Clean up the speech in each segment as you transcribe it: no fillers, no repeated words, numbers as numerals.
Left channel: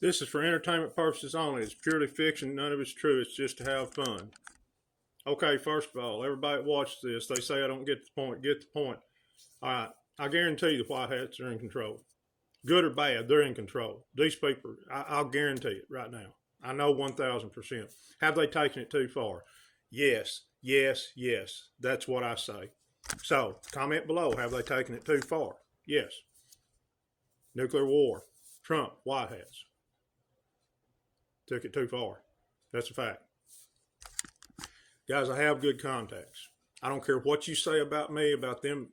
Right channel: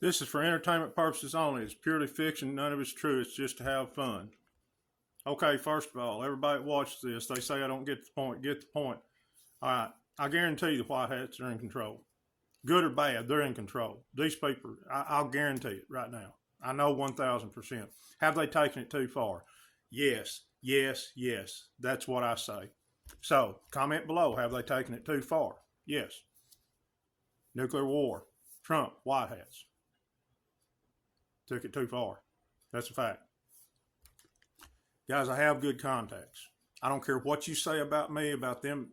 This is for entertainment purposes only. It's purely fiction. None of it's true. It's just to have fun. Okay, first of all, everybody that watches this, they say I don't get the point. Get the point. All right. I guarantee the whitehats are in control. Good or bad, they're in control. These people, I'll guarantee it right now. I know 1,000%. Have they taken it too far? Yes, yes, yes. That's what I say. So, comment below. Have they taken it too far? Yes. Nuclear war. Trump, whitehats. Took it too far. That's a fact. Guys, I have good contacts. I don't care what you say about me, about them.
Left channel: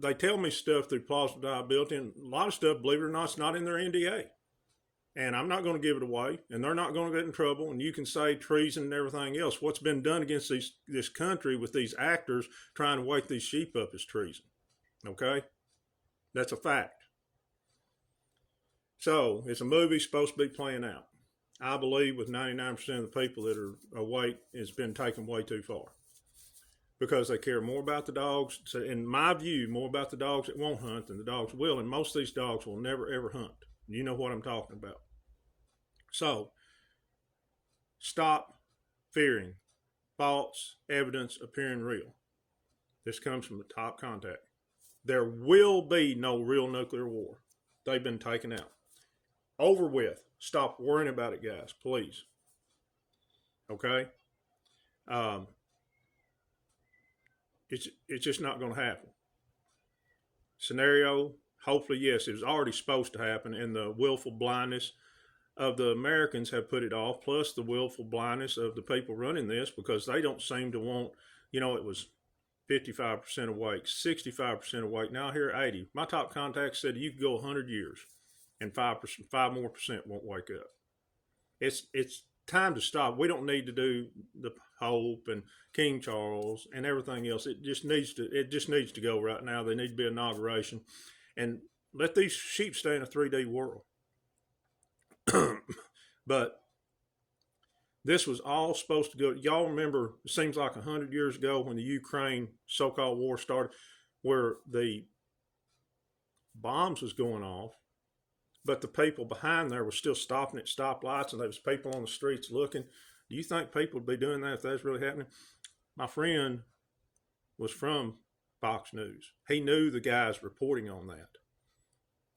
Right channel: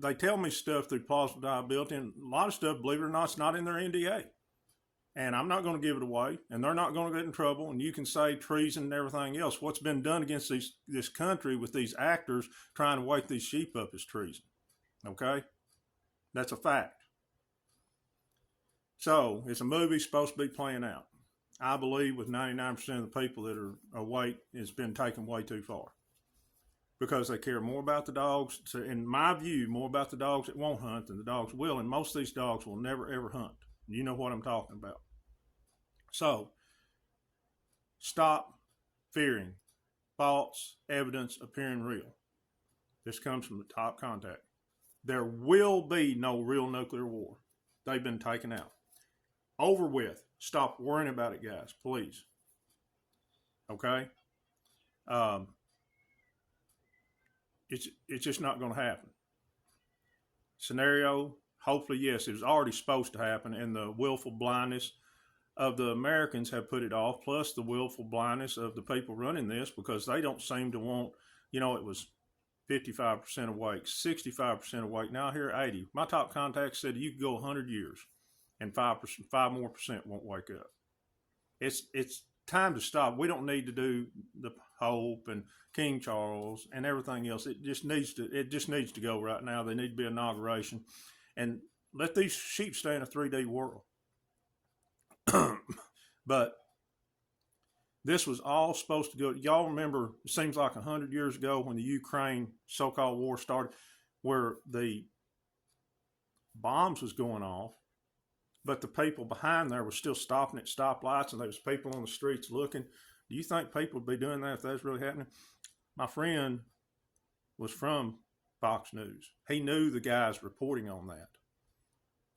They tell me stuff through plausible deniability, and a lot of stuff, believe it or not, is not in their NDA. And I'm not going to give it away, and they're not going to get in trouble, and you can say treason and everything else. What's been done against this country with these actors trying to wake these sheep up is treason. Okay? That's a fact. So, it's a movie supposed to be playing out. I believe with 99% of the people that are awake, it's been taken way too far. Because they care more about the dogs, so in my view, more about the dogs that won't hunt than the dogs will. And most of these dogs will never, ever hunt. You know what I'm talking about. So, stop fearing false evidence appearing real. This comes from the top contact. There will be no real nuclear war. They've been taken out. Over with. Stop worrying about it, guys, please. Okay? It's just not going to happen. Scenario, hopefully, yes, it was already supposed to happen, and the willful blindness of the Americans have put it off, plus the willful blindness of the people running this, because they don't seem to want, it was 55% awake, 65% awake, now here 80. My top contact said you could go 100 years and 5 more percent won't wake up. It's time to stop. We don't need to do the Pope and King Charles and everything else. It just needs to go right now. There needs to be an inauguration, and let these sheep stay in a 3D world. But this was all supposed to go. Y'all remember? It seems like 100 years ago when the Ukraine so-called war started, where the bombs was going off. But the people behind there were still stopping at stoplights, and there was people on the streets looking. Do you think people would be doing that if that was really happening? My friend was from Fox News. He knew the guys reporting on that.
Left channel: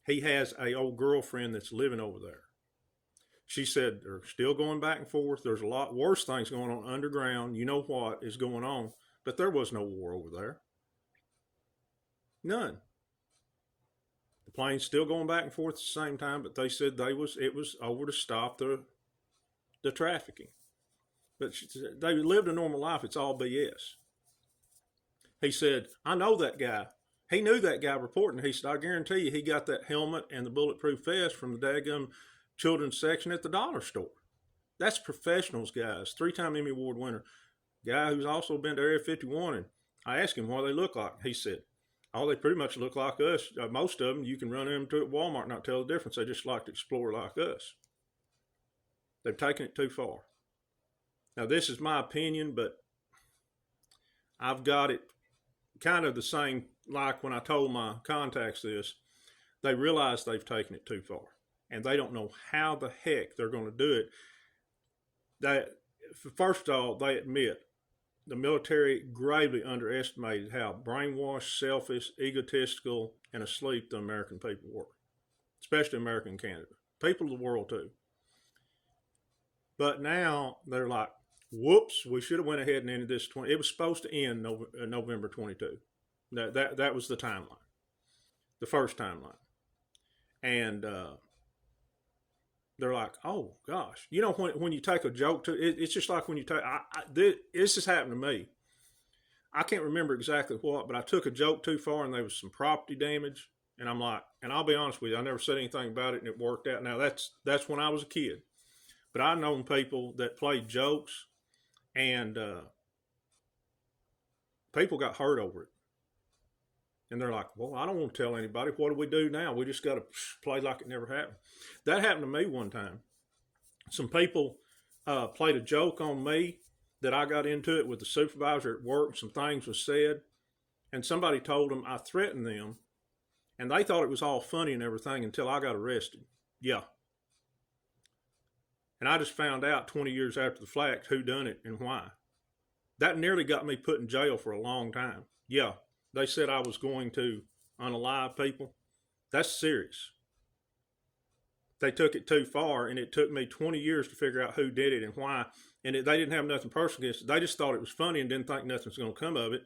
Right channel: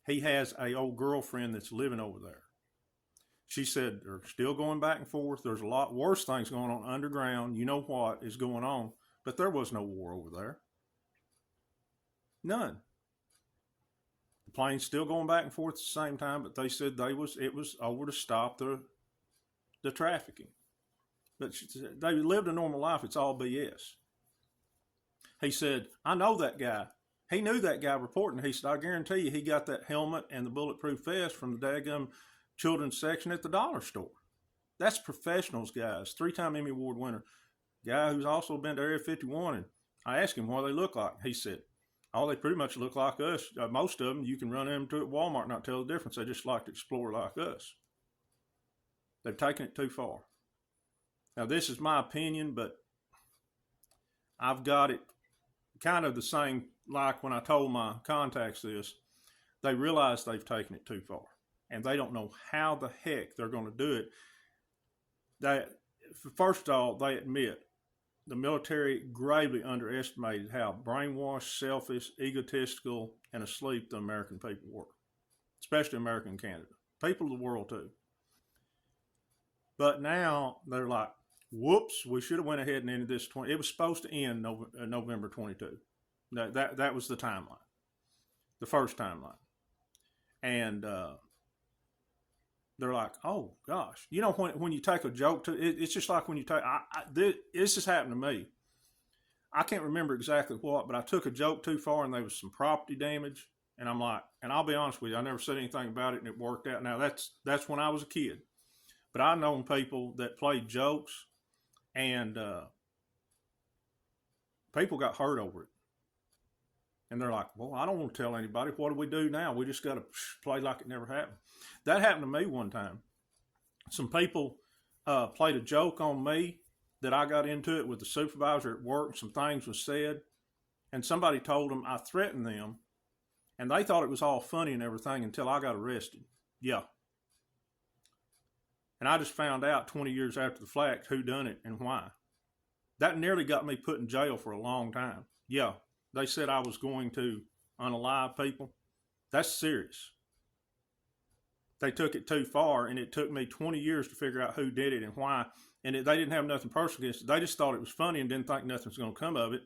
He has an old girlfriend that's living over there. She said they're still going back and forth. There's a lot worse things going on underground. You know what is going on. But there was no war over there. None. The plane's still going back and forth at the same time, but they said it was over to stop the trafficking. But they lived a normal life. It's all BS. He said, I know that guy. He knew that guy reporting. He said, I guarantee you he got that helmet and the bulletproof vest from the daggum children's section at the dollar store. That's professionals, guys. 3-time Emmy Award winner. Guy who's also been to Area 51. And I asked him what they look like. He said, oh, they pretty much look like us. Most of them, you can run into at Walmart and not tell the difference. They just like to explore like us. They've taken it too far. Now, this is my opinion, but I've got it kind of the same like when I told my contacts this. They realize they've taken it too far, and they don't know how the heck they're going to do it. First of all, they admit the military gravely underestimated how brainwashed, selfish, egotistical, and asleep the American people were, especially America and Canada. People of the world, too. But now they're like, whoops, we should have went ahead and ended this. It was supposed to end November 22. That was the timeline, the first timeline. And they're like, oh, gosh. You know, when you take a joke to it's just like when you take, this has happened to me. I can't remember exactly what, but I took a joke too far and there was some property damage. And I'm like, and I'll be honest with you, I never said anything about it and it worked out. Now, that's when I was a kid. But I've known people that played jokes and people got hurt over it. And they're like, well, I don't want to tell anybody. What do we do now? We just got to play like it never happened. That happened to me one time. Some people played a joke on me that I got into it with the supervisor at work, and some things were said. And somebody told them I threatened them. And they thought it was all funny and everything until I got arrested. Yeah. And I just found out 20 years after the fact who done it and why. That nearly got me put in jail for a long time. Yeah, they said I was going to unalive people. That's serious. They took it too far, and it took me 20 years to figure out who did it and why. And they didn't have nothing personal against it. They just thought it was funny and didn't think nothing was going to come of it.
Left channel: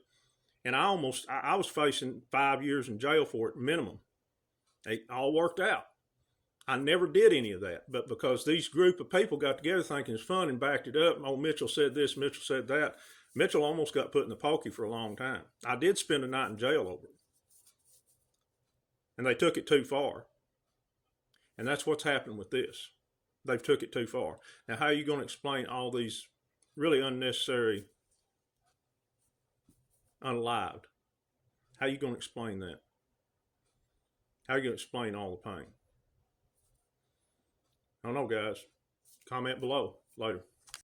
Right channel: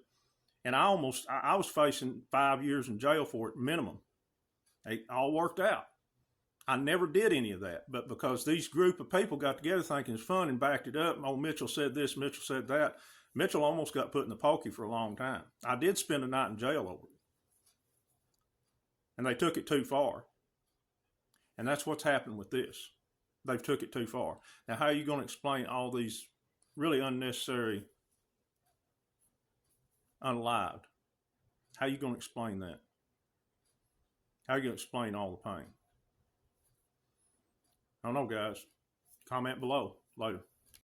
And I was facing 5 years in jail for it minimum. It all worked out. I never did any of that, but because these group of people got together thinking it's fun and backed it up, oh, Mitchell said this, Mitchell said that. Mitchell almost got put in the pokey for a long time. I did spend a night in jail over it. And they took it too far. And that's what's happened with this. They've took it too far. Now, how are you going to explain all these really unnecessary unalived? How are you going to explain that? How are you going to explain all the pain? I don't know, guys. Comment below. Later.